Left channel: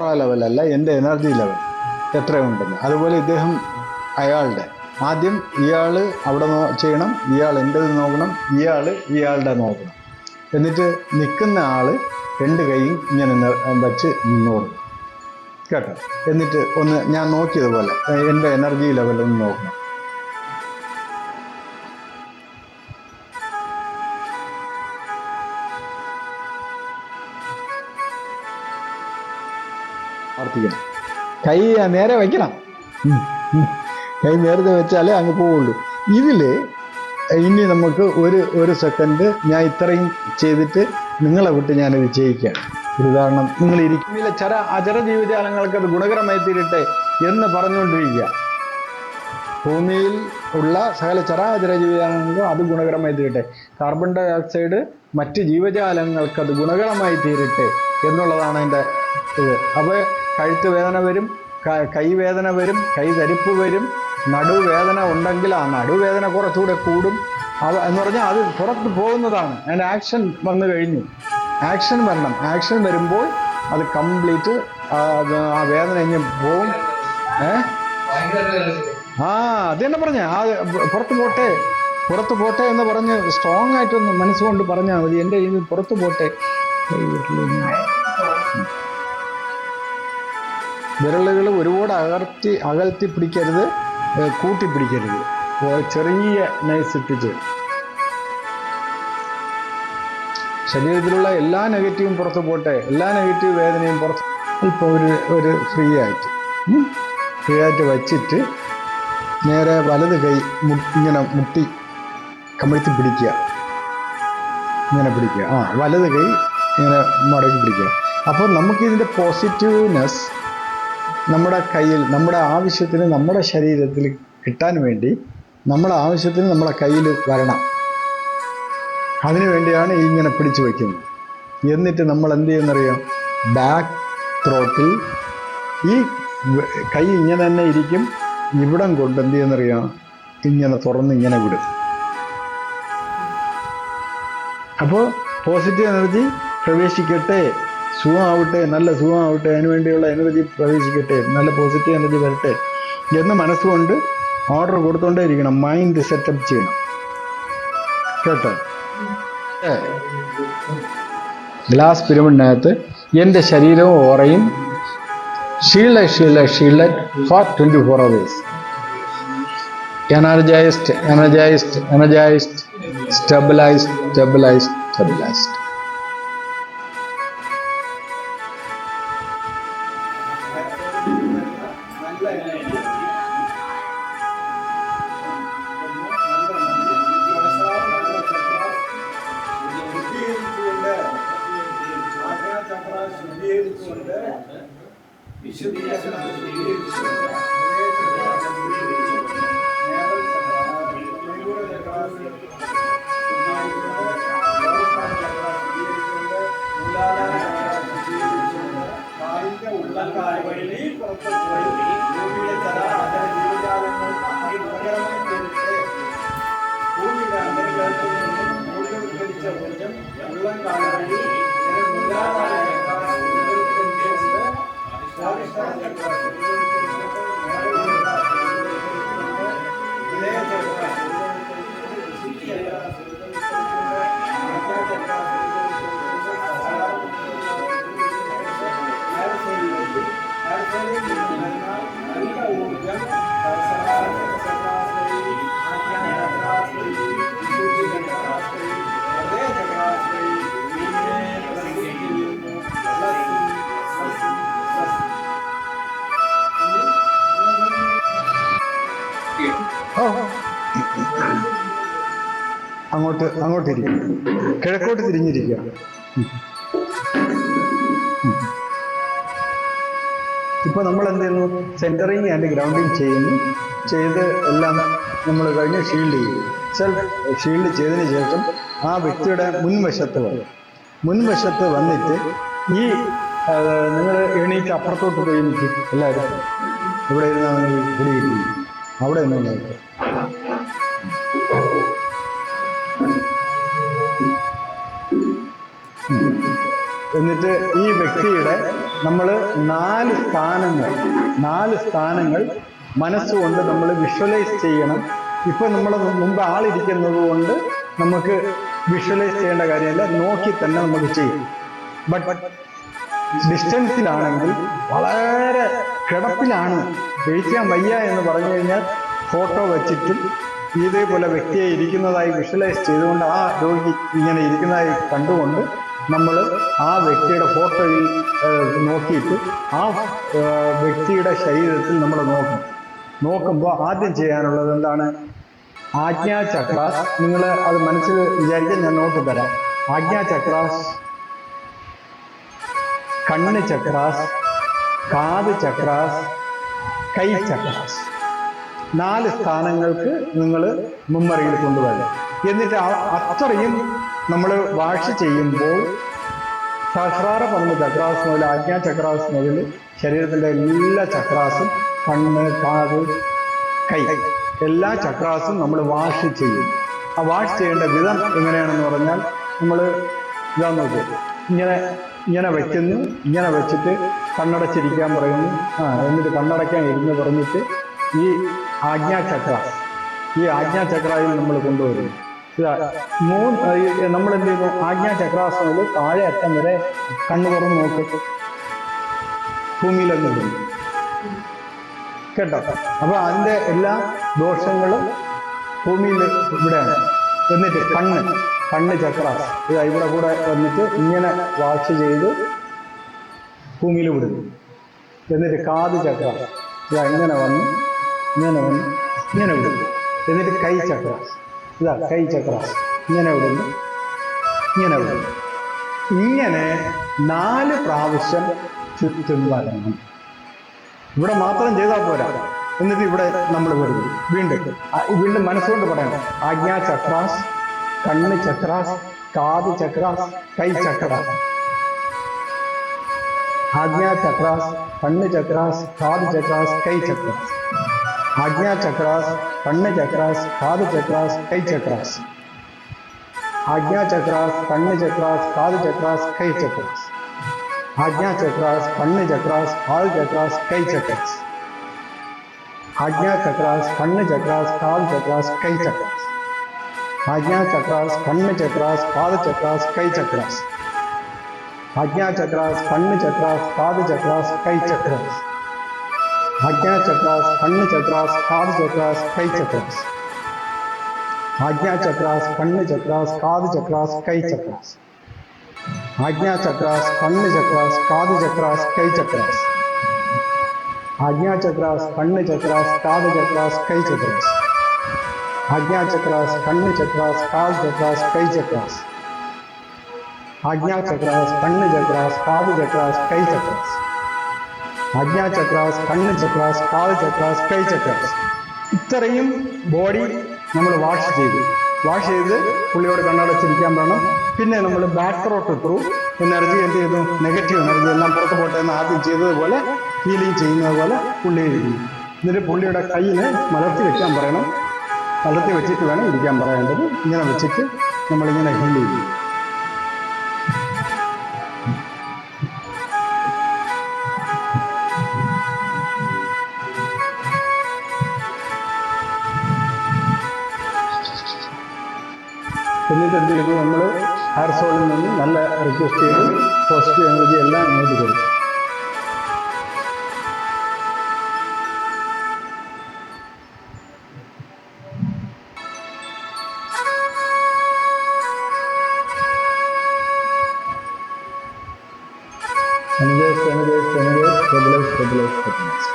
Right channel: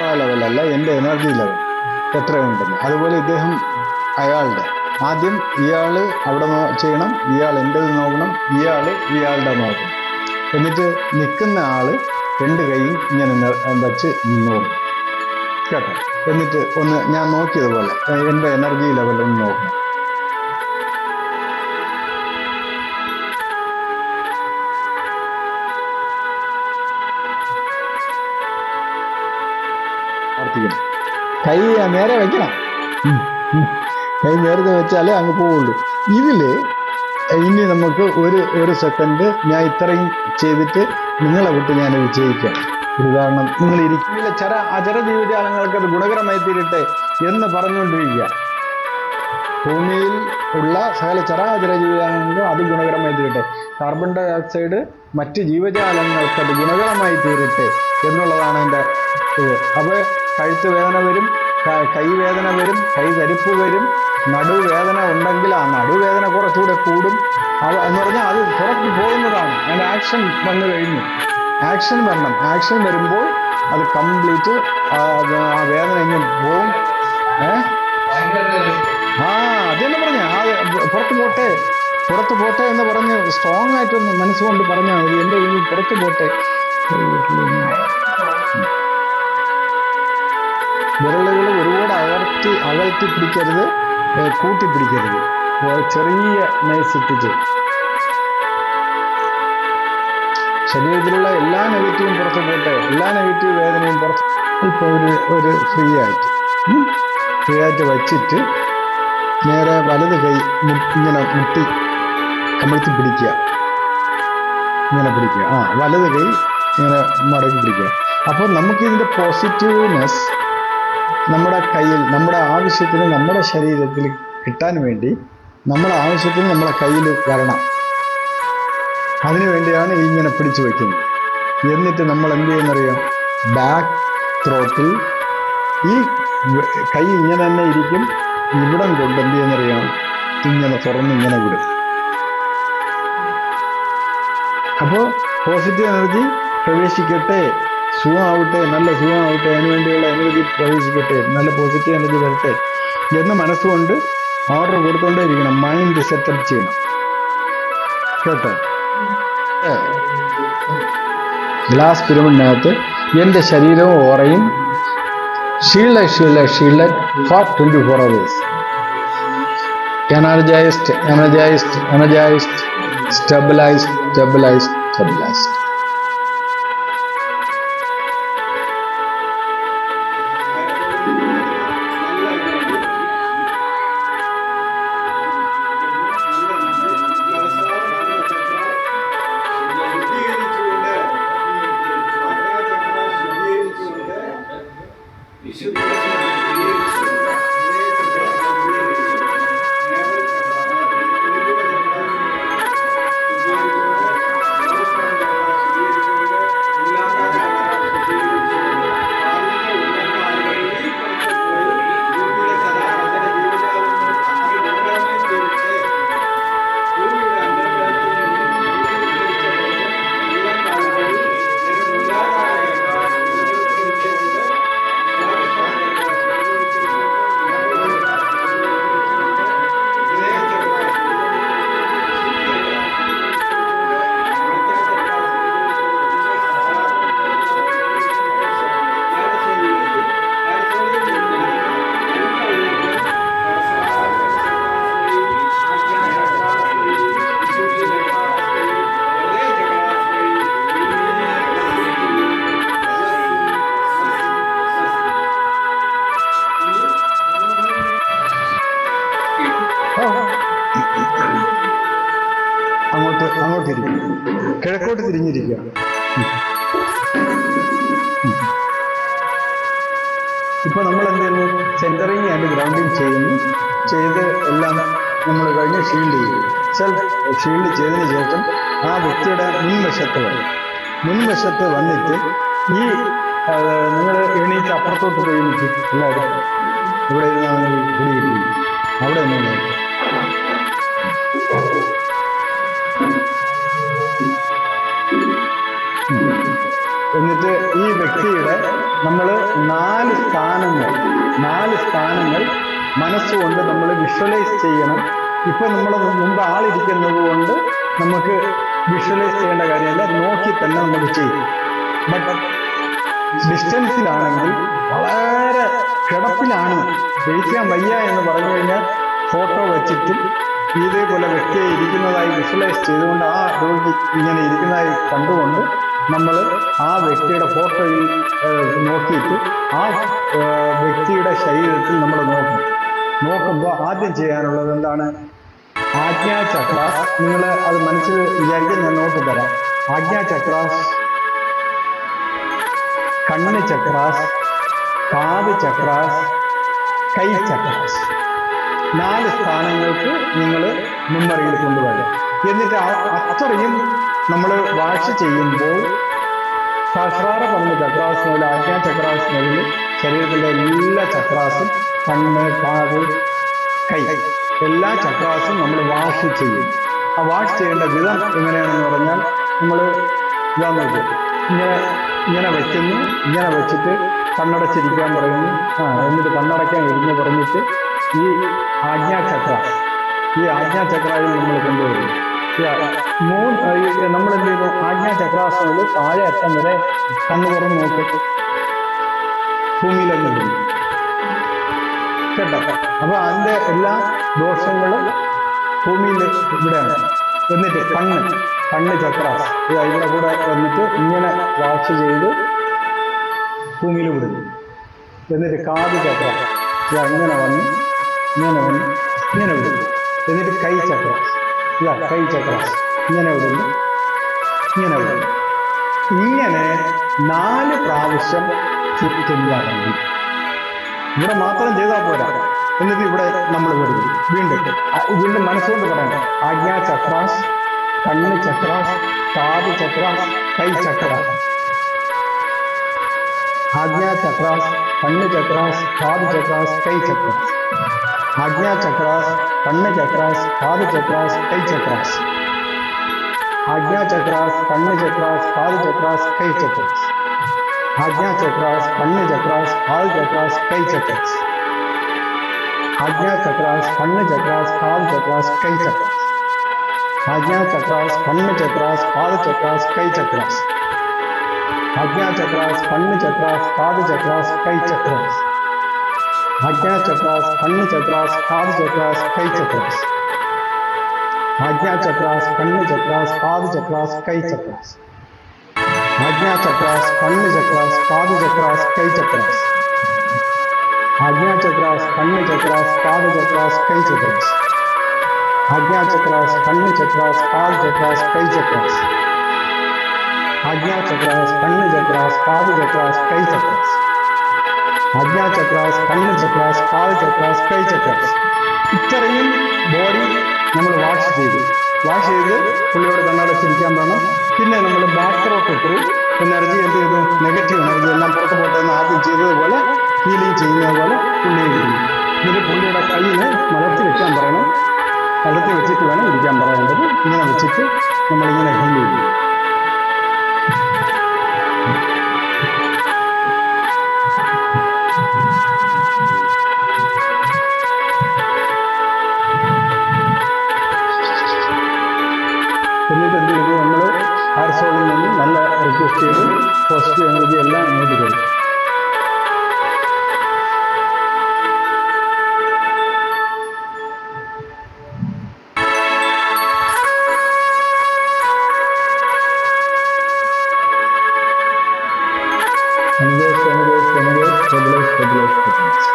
ഓറ ലെവലല്ല, എൻ്റെ energy level എത്രയുണ്ടെന്ന്. അതുപോലെ ഇദ്ദേഹം അയാളുടെ ആദ്യം ഇയാൾ അവിടെ ചെയ്യണം, ഇയാൾ എൻ്റെത് നോക്കണം, ഇയാളുടെ നോക്കണം. എന്നിട്ട് നിൽക്കുന്ന ആള് 2 കൈയും ഇങ്ങനെ വച്ച് നിന്നോളും കേട്ടോ. എന്നിട്ട് ഒന്ന് ഞാൻ നോക്കിയതുപോലെ എൻ്റെ എനർജി ലെവലൊന്ന് നോക്കണം. പ്രാർത്ഥിക്കണം. കൈ നേരെ വയ്ക്കണം. കൈ നേരത്തെ വെച്ചാലേ അങ്ങ് പോവുള്ളൂ. ഇതില് ഇനി നമുക്ക് ഒരു സെക്കൻഡ് ഞാൻ ഇത്രയും ചെയ്തിട്ട് നിങ്ങളെ വിട്ട് ഞാനത് ചെയ്യിക്കാം. ഒരു ഉദാഹരണം, നിങ്ങൾ ഇരിക്കുന്നില്ല, അചര ജീവജാലങ്ങൾക്ക് അത് ഗുണകരമായി തീരട്ടെ എന്ന് പറഞ്ഞുകൊണ്ടിരിക്കുക. ഭൂമിയിൽ ഉള്ള സകല ചരാചര ജീവജാലങ്ങൾക്കും അത് ഗുണകരമായി തീരട്ടെ. കാർബൺ ഡൈ ഓക്സൈഡ് മറ്റ് ജീവജാലങ്ങൾക്ക് അത് ഗുണകരമായി തീരട്ടെ എന്നുള്ളതാണ് എൻ്റെ ഇത്. അപ്പോൾ കഴുത്ത് വേദന വരും, കൈവേദന വരും, കൈതരിപ്പ് വരും, നടുവേദന ഉണ്ടെങ്കിൽ ആ നടുവേദന കുറച്ചുകൂടെ കൂടും. എന്ന് പറഞ്ഞാൽ അത് പുറത്ത് പോകുന്നതാണ്. അതിൻ്റെ ആക്ഷൻ വന്നു കഴിഞ്ഞു. ആക്ഷൻ വരണം. ആക്ഷൻ വരുമ്പോൾ അത് കംപ്ലീറ്റ് ആ വേദന ഇങ്ങനെ പോവും. അത് തന്നെ പറഞ്ഞ പുറത്ത് പോട്ടെ എന്ന് പറഞ്ഞ് സ്ട്രോങ് ആയിട്ടൊന്ന് മനസ്സുകൊണ്ട് പറഞ്ഞാൽ മതി. എൻ്റെ ഇത് പുറത്ത് പോട്ടെ. വിരലുകൾ ഒരുപാട് അകർത്തി പിടിക്കരുത്, കൂട്ടിപ്പിടിക്കരുത്. ചെറിയ നൈസ് ഇട്ടിച്ച് ശരീരത്തിലുള്ള എല്ലാ നെഗറ്റീവും പുറത്ത് പോട്ടെ, എല്ലാ നെഗറ്റീവ് വേദനയും പുറത്ത്. ഇപ്പോൾ ഒരു ഫ്രീ ആയിട്ട് വച്ചിട്ട് നേരെ വലത് കൈ ഇങ്ങനെ മുട്ടി കമിഴ്ത്തി പിടിക്കുക. ഇങ്ങനെ പിടിക്കുക. വലത് കൈ ഇങ്ങനെ മടക്കി പിടിക്കുക. അപ്പോൾ നമുക്കിതിൻ്റെ പോസിറ്റീവ്നെസ് നമ്മുടെ കയ്യിൽ, നമ്മുടെ ആവശ്യത്തിന്, നമ്മുടെ ശരീരത്തിൽ കിട്ടാൻ വേണ്ടി നമ്മുടെ ആവശ്യത്തിന് നമ്മുടെ കയ്യിൽ വരണം. അതിനു വേണ്ടിയാണ് ഇങ്ങനെ പിടിച്ചു വയ്ക്കുന്നത്. എന്നിട്ട് നമ്മൾ എന്ത് ചെയ്യുന്നറിയാം, ബാക്ക് ത്രോട്ടിൽ ഈ കൈ ഇങ്ങനെ തന്നെ ഇരിക്കും. ഇവിടം കൊണ്ട് എന്ത് ചെയ്യുന്നറിയാം, ഇങ്ങനെ തുറന്ന് ഇങ്ങനെ വിടും. അപ്പോൾ പോസിറ്റീവ് എനർജി പ്രവേശിക്കട്ടെ, സുഖമാവട്ടെ, നല്ല സുഖമാവട്ടെ, അതിനുവേണ്ടിയുള്ള എനർജി പ്രവേശിക്കട്ടെ, നല്ല പോസിറ്റീവ് എനർജി വരട്ടെ എന്ന് മനസ്സുകൊണ്ട് ഓർഡർ കൊടുത്തുകൊണ്ടേ ഇരിക്കണം. മൈൻഡ് സെറ്റപ്പ് ചെയ്യണം കേട്ടോ. ഗ്ലാസ് പിരമിഡിനകത്ത് എൻ്റെ ശരീരവും ഓറയും shield for 24 hours. energized, stabilized. അങ്ങോട്ടിരിക്കും, കിഴക്കോട്ട് തിരിഞ്ഞിരിക്കുക. ഇപ്പൊ നമ്മൾ എന്ത് ചെയ്യുന്നു, സെന്ററിങ് ആൻഡ് ഗ്രൗണ്ടിങ് ചെയ്ത് എല്ലാം നമ്മൾ കഴിഞ്ഞ് ഷീൽഡ് ചെയ്യും. ഷീൽഡ് ചെയ്തതിന് ശേഷം ആ വ്യക്തിയുടെ മുൻവശത്ത് വന്നിട്ട് ഈ നിങ്ങൾ എണീറ്റ് അപ്പുറത്തോട്ട് പോയി നിൽക്കും. എല്ലാവരും ഇവിടെ ഇരുന്നാണ് കുടി കിട്ടി, അവിടെ തന്നെ നോക്കും. എന്നിട്ട് ഈ വ്യക്തിയുടെ നമ്മൾ 4 സ്ഥാനങ്ങൾ മനസ്സുകൊണ്ട് നമ്മൾ വിഷ്വലൈസ് ചെയ്യണം. ഇപ്പൊ നമ്മൾ മുമ്പ് ആളിരിക്കുന്നത് കൊണ്ട് നമുക്ക് വിഷ്വലൈസ് ചെയ്യേണ്ട കാര്യമല്ല, നോക്കി തന്നെ നമുക്ക് ചെയ്യും. ബട്ട് ഡിസ്റ്റൻസിലാണെങ്കിൽ വളരെ കിടപ്പിലാണ്, ജയിക്കാൻ വയ്യ എന്ന് പറഞ്ഞു കഴിഞ്ഞാൽ ഫോട്ടോ വെച്ചിട്ടും ഇതേപോലെ വ്യക്തിയെ ഇരിക്കുന്നതായി വിഷ്വലൈസ് ചെയ്തുകൊണ്ട് ആ രോഗി ഇങ്ങനെ ഇരിക്കുന്നതായി കണ്ടുകൊണ്ട് നമ്മൾ ആ വ്യക്തിയുടെ ഫോട്ടോയിൽ നോക്കിയിട്ട് ആ വ്യക്തിയുടെ ശരീരത്തിൽ നമ്മൾ നോക്കുമ്പോൾ ആദ്യം ചെയ്യാനുള്ളത് എന്താണ്? ആജ്ഞാചക്രാസ്. നിങ്ങൾ അത് മനസ്സിൽ വിചാരിക്കാൻ ഞാൻ നോക്കി തരാം. ആജ്ഞാചക്രാസ്, കണ്ണ് ചക്രാസ്, കാത് ചക്രാസ്, കൈ ചക്രാസ്. 4 സ്ഥാനങ്ങൾക്ക് നിങ്ങൾ മെമ്മറിയിൽ കൊണ്ടുവരണം. എന്നിട്ട് അത്രയും നമ്മൾ വാഷ് ചെയ്യുമ്പോൾ സഹസ്രാര പതിന് ചക്രാസ് മുതൽ ആജ്ഞാചക്രാസ് മുതൽ ശരീരത്തിൻ്റെ എല്ലാ ചക്രാസും, കണ്ണ്, കാത്, കൈ, എല്ലാ ചക്രാസും നമ്മൾ വാഷ് ചെയ്യും. ആ വാഷ് ചെയ്യേണ്ട വിധം എങ്ങനെയാണെന്ന് പറഞ്ഞാൽ നമ്മൾ ഇതാന്ന് വെച്ചു, ഇങ്ങനെ വെക്കുന്നു, ഇങ്ങനെ വെച്ചിട്ട് കണ്ണടച്ചിരിക്കാൻ പറയുന്നു. എന്നിട്ട് കണ്ണടയ്ക്കാൻ ഇരുന്ന് പറഞ്ഞിട്ട് ഈ ആജ്ഞാചക്രയിൽ നമ്മൾ കൊണ്ടുവരുന്നു. നമ്മൾ എന്ത് ചെയ്യുന്നു? ആജ്ഞാചക്രാസ് മുതൽ താഴെ അറ്റം വരെ കണ്ണു തുറന്ന് നോക്കിയിട്ട് ഭൂമിയിലങ്ങ് ഇടുന്നു കേട്ടോ. അപ്പൊ അതിന്റെ എല്ലാ ദോഷങ്ങളും ഭൂമിയിൽ ഇവിടെയാണ്. എന്നിട്ട് കണ്ണ് ചക്രാസ് ഇവിടെ കൂടെ വന്നിട്ട് ഇങ്ങനെ വാഷ് ചെയ്ത് ഭൂമിയിൽ വിടുന്നു. എന്നിട്ട് കാത് ചക്രാസ് ഇങ്ങനെ വന്ന് ഇങ്ങനെ വിടുന്നു. എന്നിട്ട് കൈ ചക്രാസ് ഇങ്ങനെ വിടുന്നു. ഇങ്ങനെ 4 പ്രാവശ്യം ചുറ്റും വരണം. ഇവിടെ മാത്രം ചെയ്താൽ പോരാ. എന്നിട്ട് ഇവിടെ നമ്മൾ വരുന്നു. വീണ്ടും മനസ്സുകൊണ്ട് പറയണം. ആജ്ഞാചക്രാസ്, കണ്ണ് ചക്രാസ്, കാത് ചക്രാസ്, കൈ ചക്രാസ്. ആജ്ഞാചക്രാസ്, കണ്ണ് ചക്രാസ്, കാത് ചക്രാസ്, കൈ ചക്രാസ്. ആജ്ഞാചക്രാസ്, കണ്ണ് ചക്രാസ്, കാത് ചക്രാസ്, കൈ ചക്രാസ്. ആജ്ഞാചക്രാസ്, കണ്ണ് ചക്രാസ്, കാത് ചക്രാസ്, കൈ ചക്രാസ്. ആജ്ഞാചക്രാസ്, കണ്ണ് ചക്രാസ്, കാത് ചക്രാസ്, കൈ ചക്രാസ്. ആജ്ഞാചക്രാസ്, കണ്ണ് ചക്രാസ്, കാത് ചക്രാസ്, കൈ ചക്രാസ്. ആജ്ഞാചക്രാസ്, കണ്ണ് ചക്രാസ്, കാത് ചക്രാസ്, കൈ ചക്രാസ്. ആജ്ഞാചക്രാസ്, കണ്ണ് ചക്രാസ്, കാത് ചക്രാസ്, കൈ ചക്രാസ്. ആജ്ഞാചക്രാസ്, കണ്ണ് ചക്രാസ്, കാത് ചക്രാസ്, കൈ ചക്രാസ്. ആജ്ഞാചക്രാസ്, കണ്ണ് ചക്രാസ്, കാത് ചക്രാസ്, കൈ ചക്രാസ്. ആജ്ഞാചക്രാസ്, കണ്ണ് ചക്രാസ്, കാത് ചക്രാസ്, കൈ ചക്രാസ്. ആജ്ഞാചക്രാസ്, കണ്ണ് ചക്രാസ്, കാത് ചക്രാസ്, കൈ ചക്രാസ്. ആജ്ഞാചക്രാസ്, കണ്ണ് ചക്രാസ്, കാത് ചക്രാസ്, കൈ ചക്രാസ്. ആജ്ഞാചക്രാസ്, കണ്ണ് ചക്രാസ്, കാത് ചക്രാസ്, കൈ ചക്രാസ്. ആജ്ഞാചക്രാസ്, കണ്ണ് ചക്രാസ്, കാത് ചക്രാസ്, കൈ ചക്രാസ്. ഇത്രയും ബോഡി നമ്മൾ വാഷ് ചെയ്ത് പുള്ളിയോട് കണ്ണടച്ചിരിക്കാൻ വേണം. പിന്നെ നമ്മൾ ബാക്ക് ത്രോട്ട് ത്രൂ എനർജി എന്ത് ചെയ്തു? നെഗറ്റീവ് എനർജി എല്ലാം പുറത്ത് പോട്ടെ എന്ന് ആദ്യം ചെയ്തതുപോലെ ഹീലിംഗ് ചെയ്യുന്നത് പോലെ പുള്ളിയെ ഇരിക്കും. എന്നിട്ട് പുള്ളിയുടെ കയ്യിനെ മലർത്തി വെക്കാൻ പറയണം. മലർത്തി വെച്ചിട്ട് വേണം ഇരിക്കാൻ പറയേണ്ടത്. ഇങ്ങനെ വെച്ചിട്ട് നമ്മളിങ്ങനെ ഹീൽ ചെയ്യും. എന്നിട്ട് എന്ത് ചെയ്തു? നമ്മൾ ഹെയർ സോളിൽ നിന്ന് നല്ല റിക്വസ്റ്റ് ചെയ്ത് പോസിറ്റീവ് എനർജി എല്ലാം ഇങ്ങോട്ട് കൊടുക്കും. stabilize.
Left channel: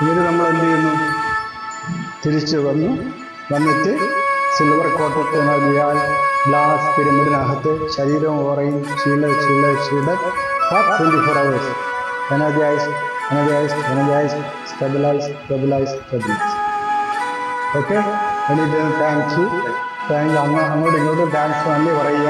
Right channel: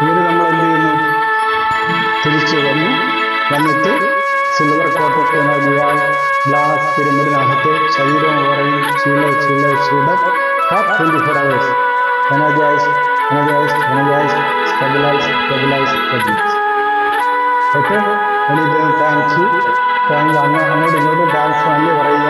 ഇങ്ങനെ നമ്മൾ എന്ത് ചെയ്യുന്നു? തിരിച്ചു വന്നിട്ട് സിൽവർ കോട്ടഡ് എനർജിയാൽ ഗ്ലാസ് പിരമിഡിനകത്ത് ശരീരവും ഓറയും ചീള 24 hours energized, stabilize. ഓക്കെ, എനിക്ക് താങ്ക്സ്. അങ്ങോട്ടും ഇങ്ങോട്ടും താങ്ക്സ് നന്ദി പറയുക.